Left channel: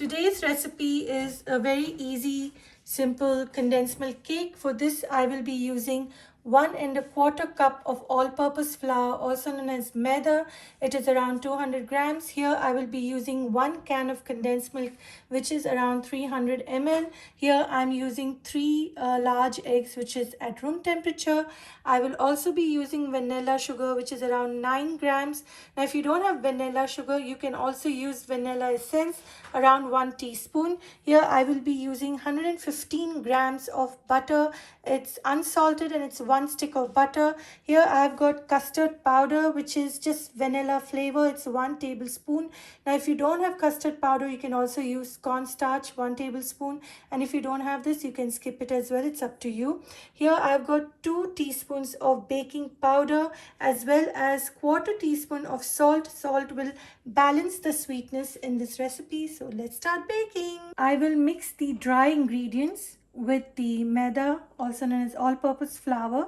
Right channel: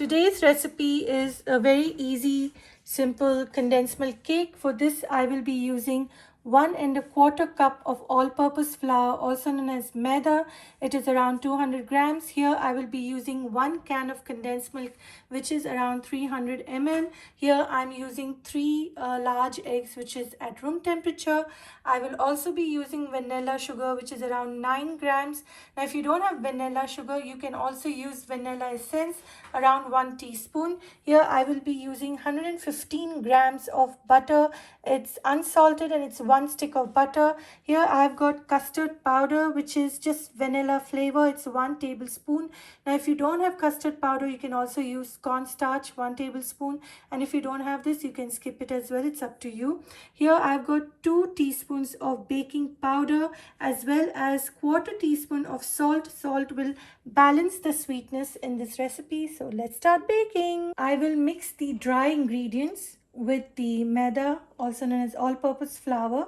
Today's recipe is a very easy, simple condensed milk cake. For this, I will be using 1¼ cup of all-purpose flour, also known as maida. It is around 200 grams. Here, I will be using 1 can of condensed milk, which is around 300 ml. Here, I'm using 3 large eggs, which is at room temperature. I will also be using vanilla sugar, which is around 9 grams. Now, if you don't have vanilla sugar, you can also use vanilla essence, around 1 teaspoon. Here, I will be using 115 grams of butter. It's unsalted and it's 1 stick of butter. Here, I've got custard powder, which is just vanilla flavor. It's 1 tablespoon. Now, if you don't have custard powder, you can also use cornstarch, 1 tablespoon. And if you don't have this, you can skip it as well. It's up to you. Here, I've got 2 teaspoons of baking powder as well as 1/4 teaspoon of salt. Salt will balance the sweetness in this recipe. So let's start baking. I will mix the dry ingredients with the maida, also known as all-purpose flour.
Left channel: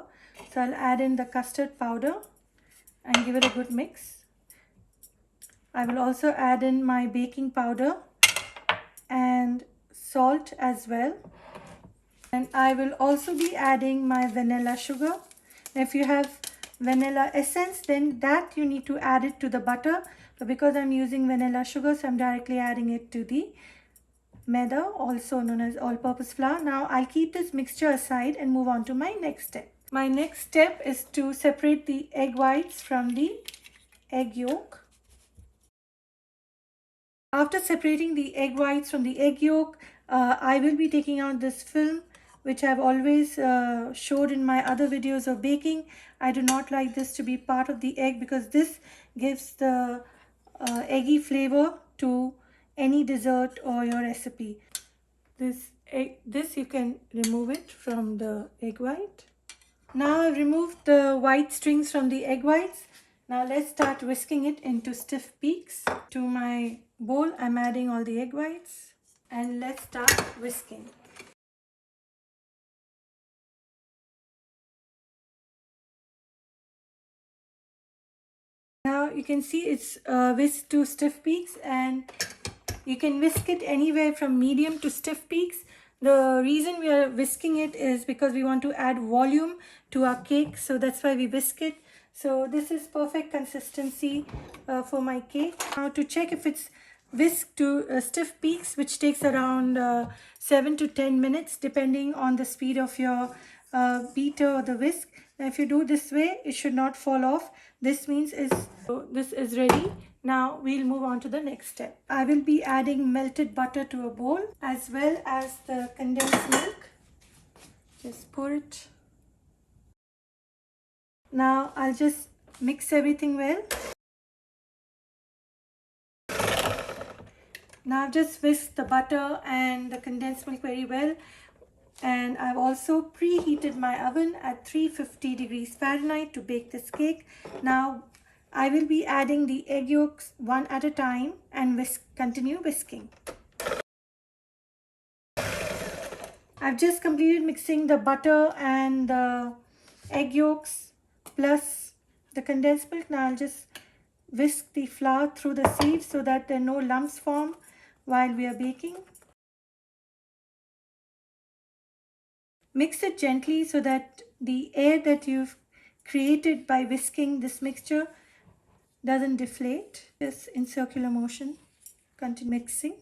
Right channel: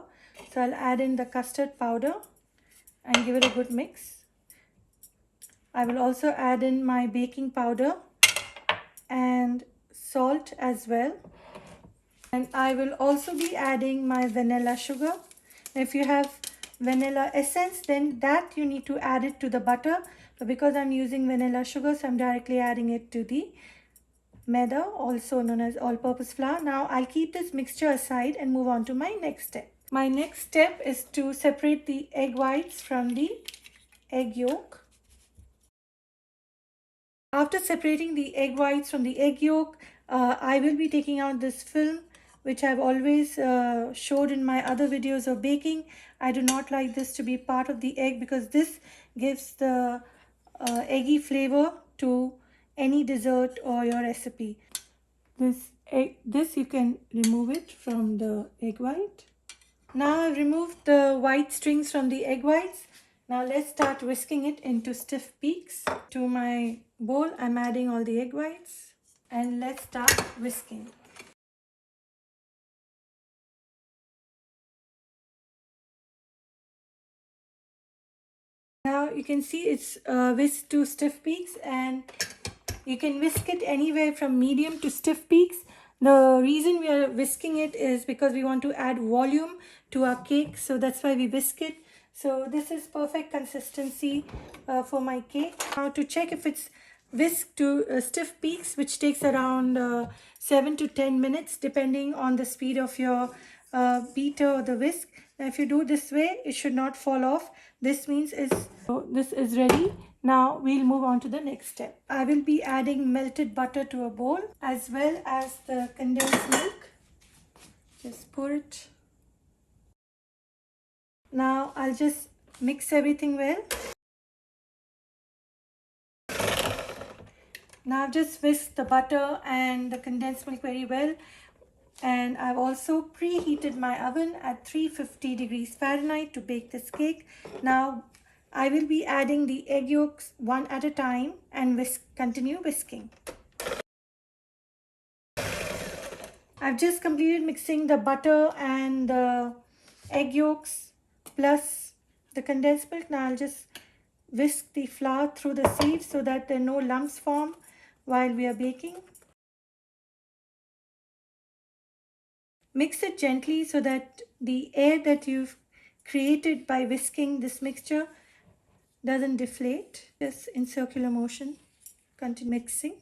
So I'll add in the custard powder and give it a good mix. I will also add in my baking powder and salt as well. And I will also be adding my vanilla sugar. Now, if you have vanilla essence, then that you need to add it to the butter. But because I'm using vanilla sugar, so I'm directly adding it to the maida, also known as all-purpose flour. Now, I'll keep this mixture aside and move on to my next step. My next step is to separate the egg whites from the egg yolk. After separating the egg whites from the egg yolk, I will be taking out this film, which I've always showed in my other videos of baking. I do not like this to be part of the egg because this gives the eggy flavor to any dessert or your recipe. This you can remove it from the egg white. Now I've removed the white strings from the egg whites. Now let's start whisking it into stiff peaks. To my bowl, I'm adding all the egg whites and let's start whisking. Now you can see it's whisked to stiff peaks, and you can whisk it anywhere from medium to stiff peaks. The reason we are whisking it is because we want to add volume to our cake, so that's why we whisk it. So this is perfect consistency for my cake. Now to check if it's whisked to stiff peaks, which takes around 7 to 10 minutes depending on the speed of your beater or the whisk. Now if you do this way, it should not fall off. This means this is ready. Now we'll move on to the next step. I will be adding melted butter to a bowl as well as the condensed milk. Just pour it. Now I'll just mix everything well. Now I've just whisked the butter and the condensed milk very well. And I've also preheated my oven at 350 degrees Fahrenheit to bake this cake. Now I will be adding the egg yolks one at a time and continue whisking. I've just completed mixing the butter and the egg yolks plus the condensed milk. Now I'll just whisk the flour through the sieves so that there are no lumps form while we are baking. Mix it gently so that the air that you've created by whisking this mixture doesn't deflate. Just in circular motion, continue mixing.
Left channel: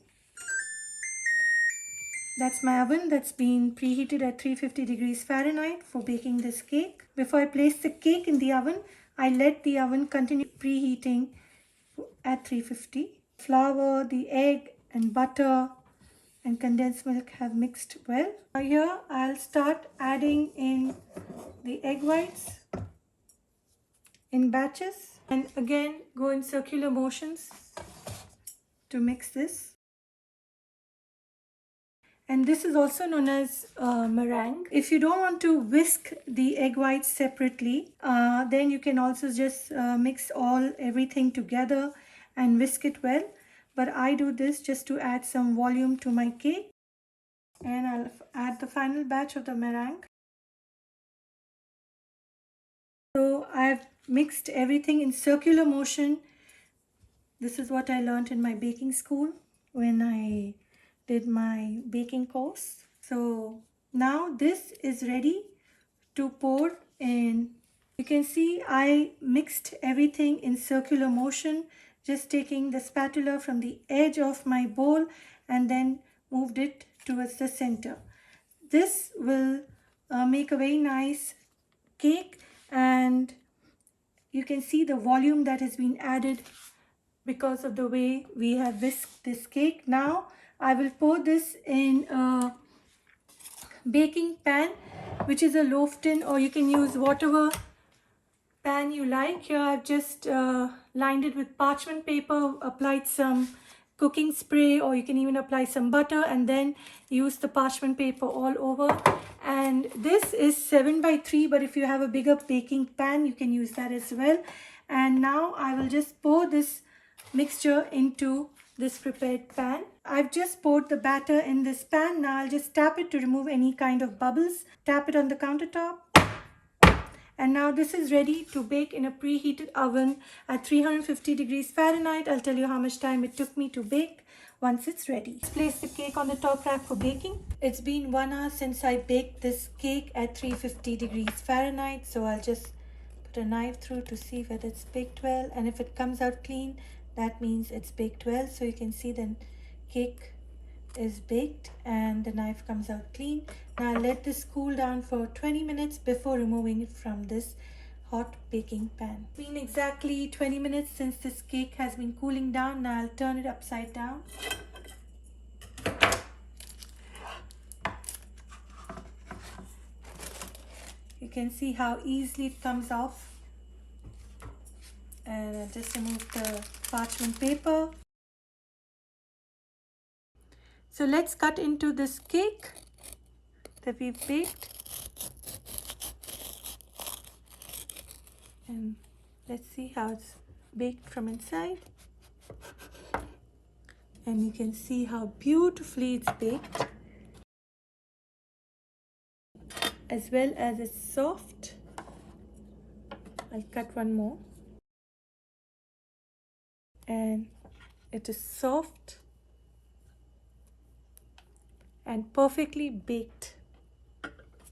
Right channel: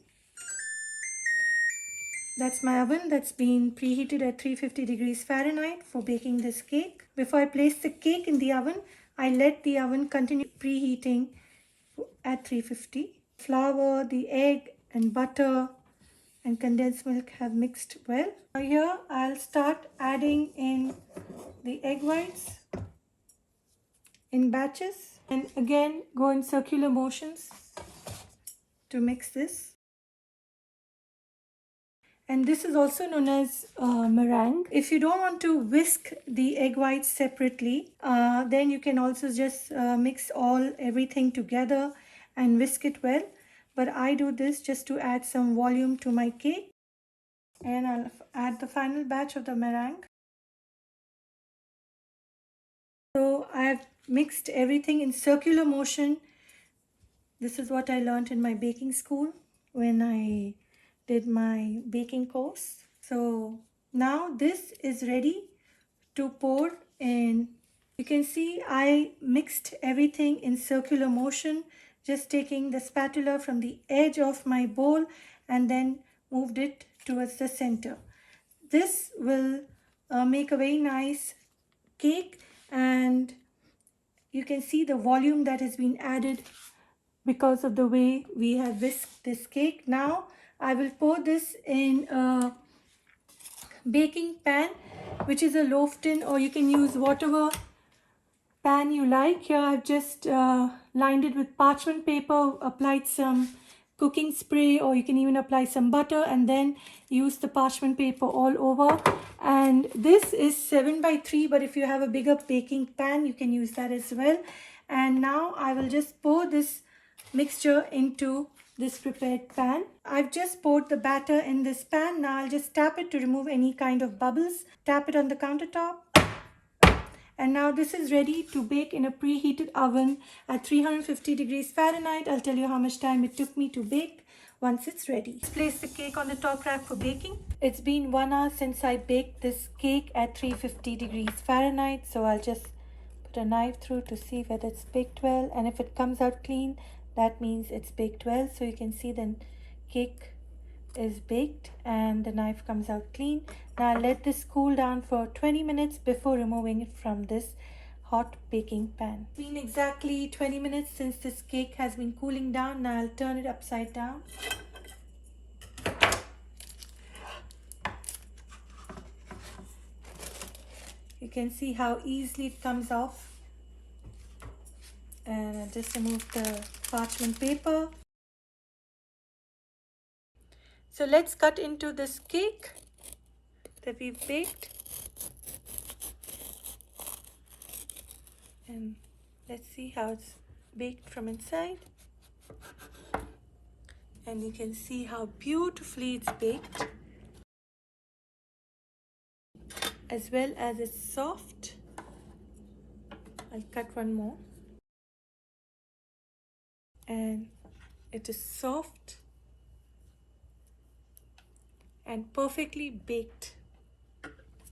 That's my oven that's been preheated at 350 degrees Fahrenheit for baking this cake. Before I place the cake in the oven, I let the oven continue preheating at 350. Flour, the egg and butter and condensed milk have mixed well. Now here I'll start adding in the egg whites in batches and again go in circular motions to mix this. And this is also known as meringue. If you don't want to whisk the egg whites separately, then you can also just mix everything together and whisk it well. But I do this just to add some volume to my cake. And I'll add the final batch of the meringue. So I've mixed everything in circular motion. This is what I learned in my baking school. when I did my baking course. So now this is ready to pour in. You can see I mixed everything in circular motion, just taking the spatula from the edge of my bowl and then moved it towards the center. This will make a very nice cake, and you can see the volume that has been added because of the way we have whisked this cake. Now I will pour this in a baking pan, which is a loaf tin, or you can use whatever pan you like. Here I've just lined it with parchment paper, applied some cooking spray, or you can even apply some butter and then use the parchment paper all over. And this is 7x3, but if you have a bigger baking pan, you can use that as well. And now I will just pour this mixture into this prepared pan. I've just poured the batter in this pan. Now I'll just tap it to remove any kind of bubbles. Tap it on the countertop. And now this is ready to bake in a preheated oven at 350 degrees Fahrenheit. I'll tell you how much time it took me to bake once it's ready. Let's place the cake on the top rack for baking. It's been 1 hour since I baked this cake at 350 degrees Fahrenheit. So I'll just put a knife through to see whether it's baked well. And if it comes out clean, that means it's baked well. So you can see the cake is baked and the knife comes out clean. Now I'll let this cool down for 20 minutes before removing it from this hot baking pan. It's been exactly 20 minutes since this cake has been cooling down. Now I'll turn it upside down. You can see how easily it comes off. And I'll just remove the parchment paper. So let's cut into this cake that we baked. And let's see how it's baked from inside. And you can see how beautifully it's baked, as well as it's soft. I'll cut one more. And it is soft and perfectly baked.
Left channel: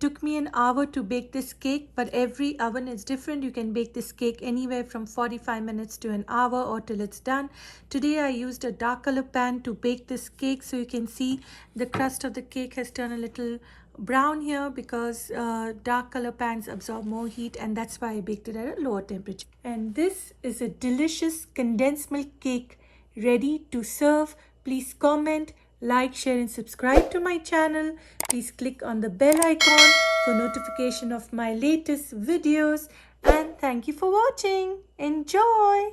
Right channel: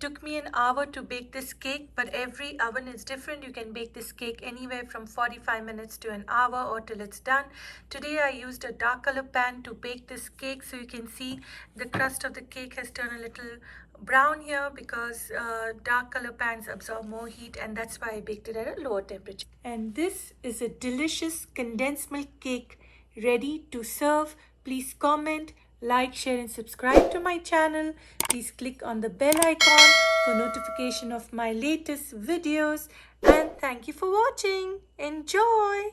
Took me an hour to bake this cake, but every oven is different. You can bake this cake anywhere from 45 minutes to an hour or till it's done. Today I used a dark color pan to bake this cake, so you can see the crust of the cake has turned a little brown here because dark color pans absorb more heat, and that's why I baked it at a lower temperature. And this is a delicious condensed milk cake ready to serve. Please comment, like, share and subscribe to my channel. Please click on the bell icon for notification of my latest videos. And thank you for watching. Enjoy!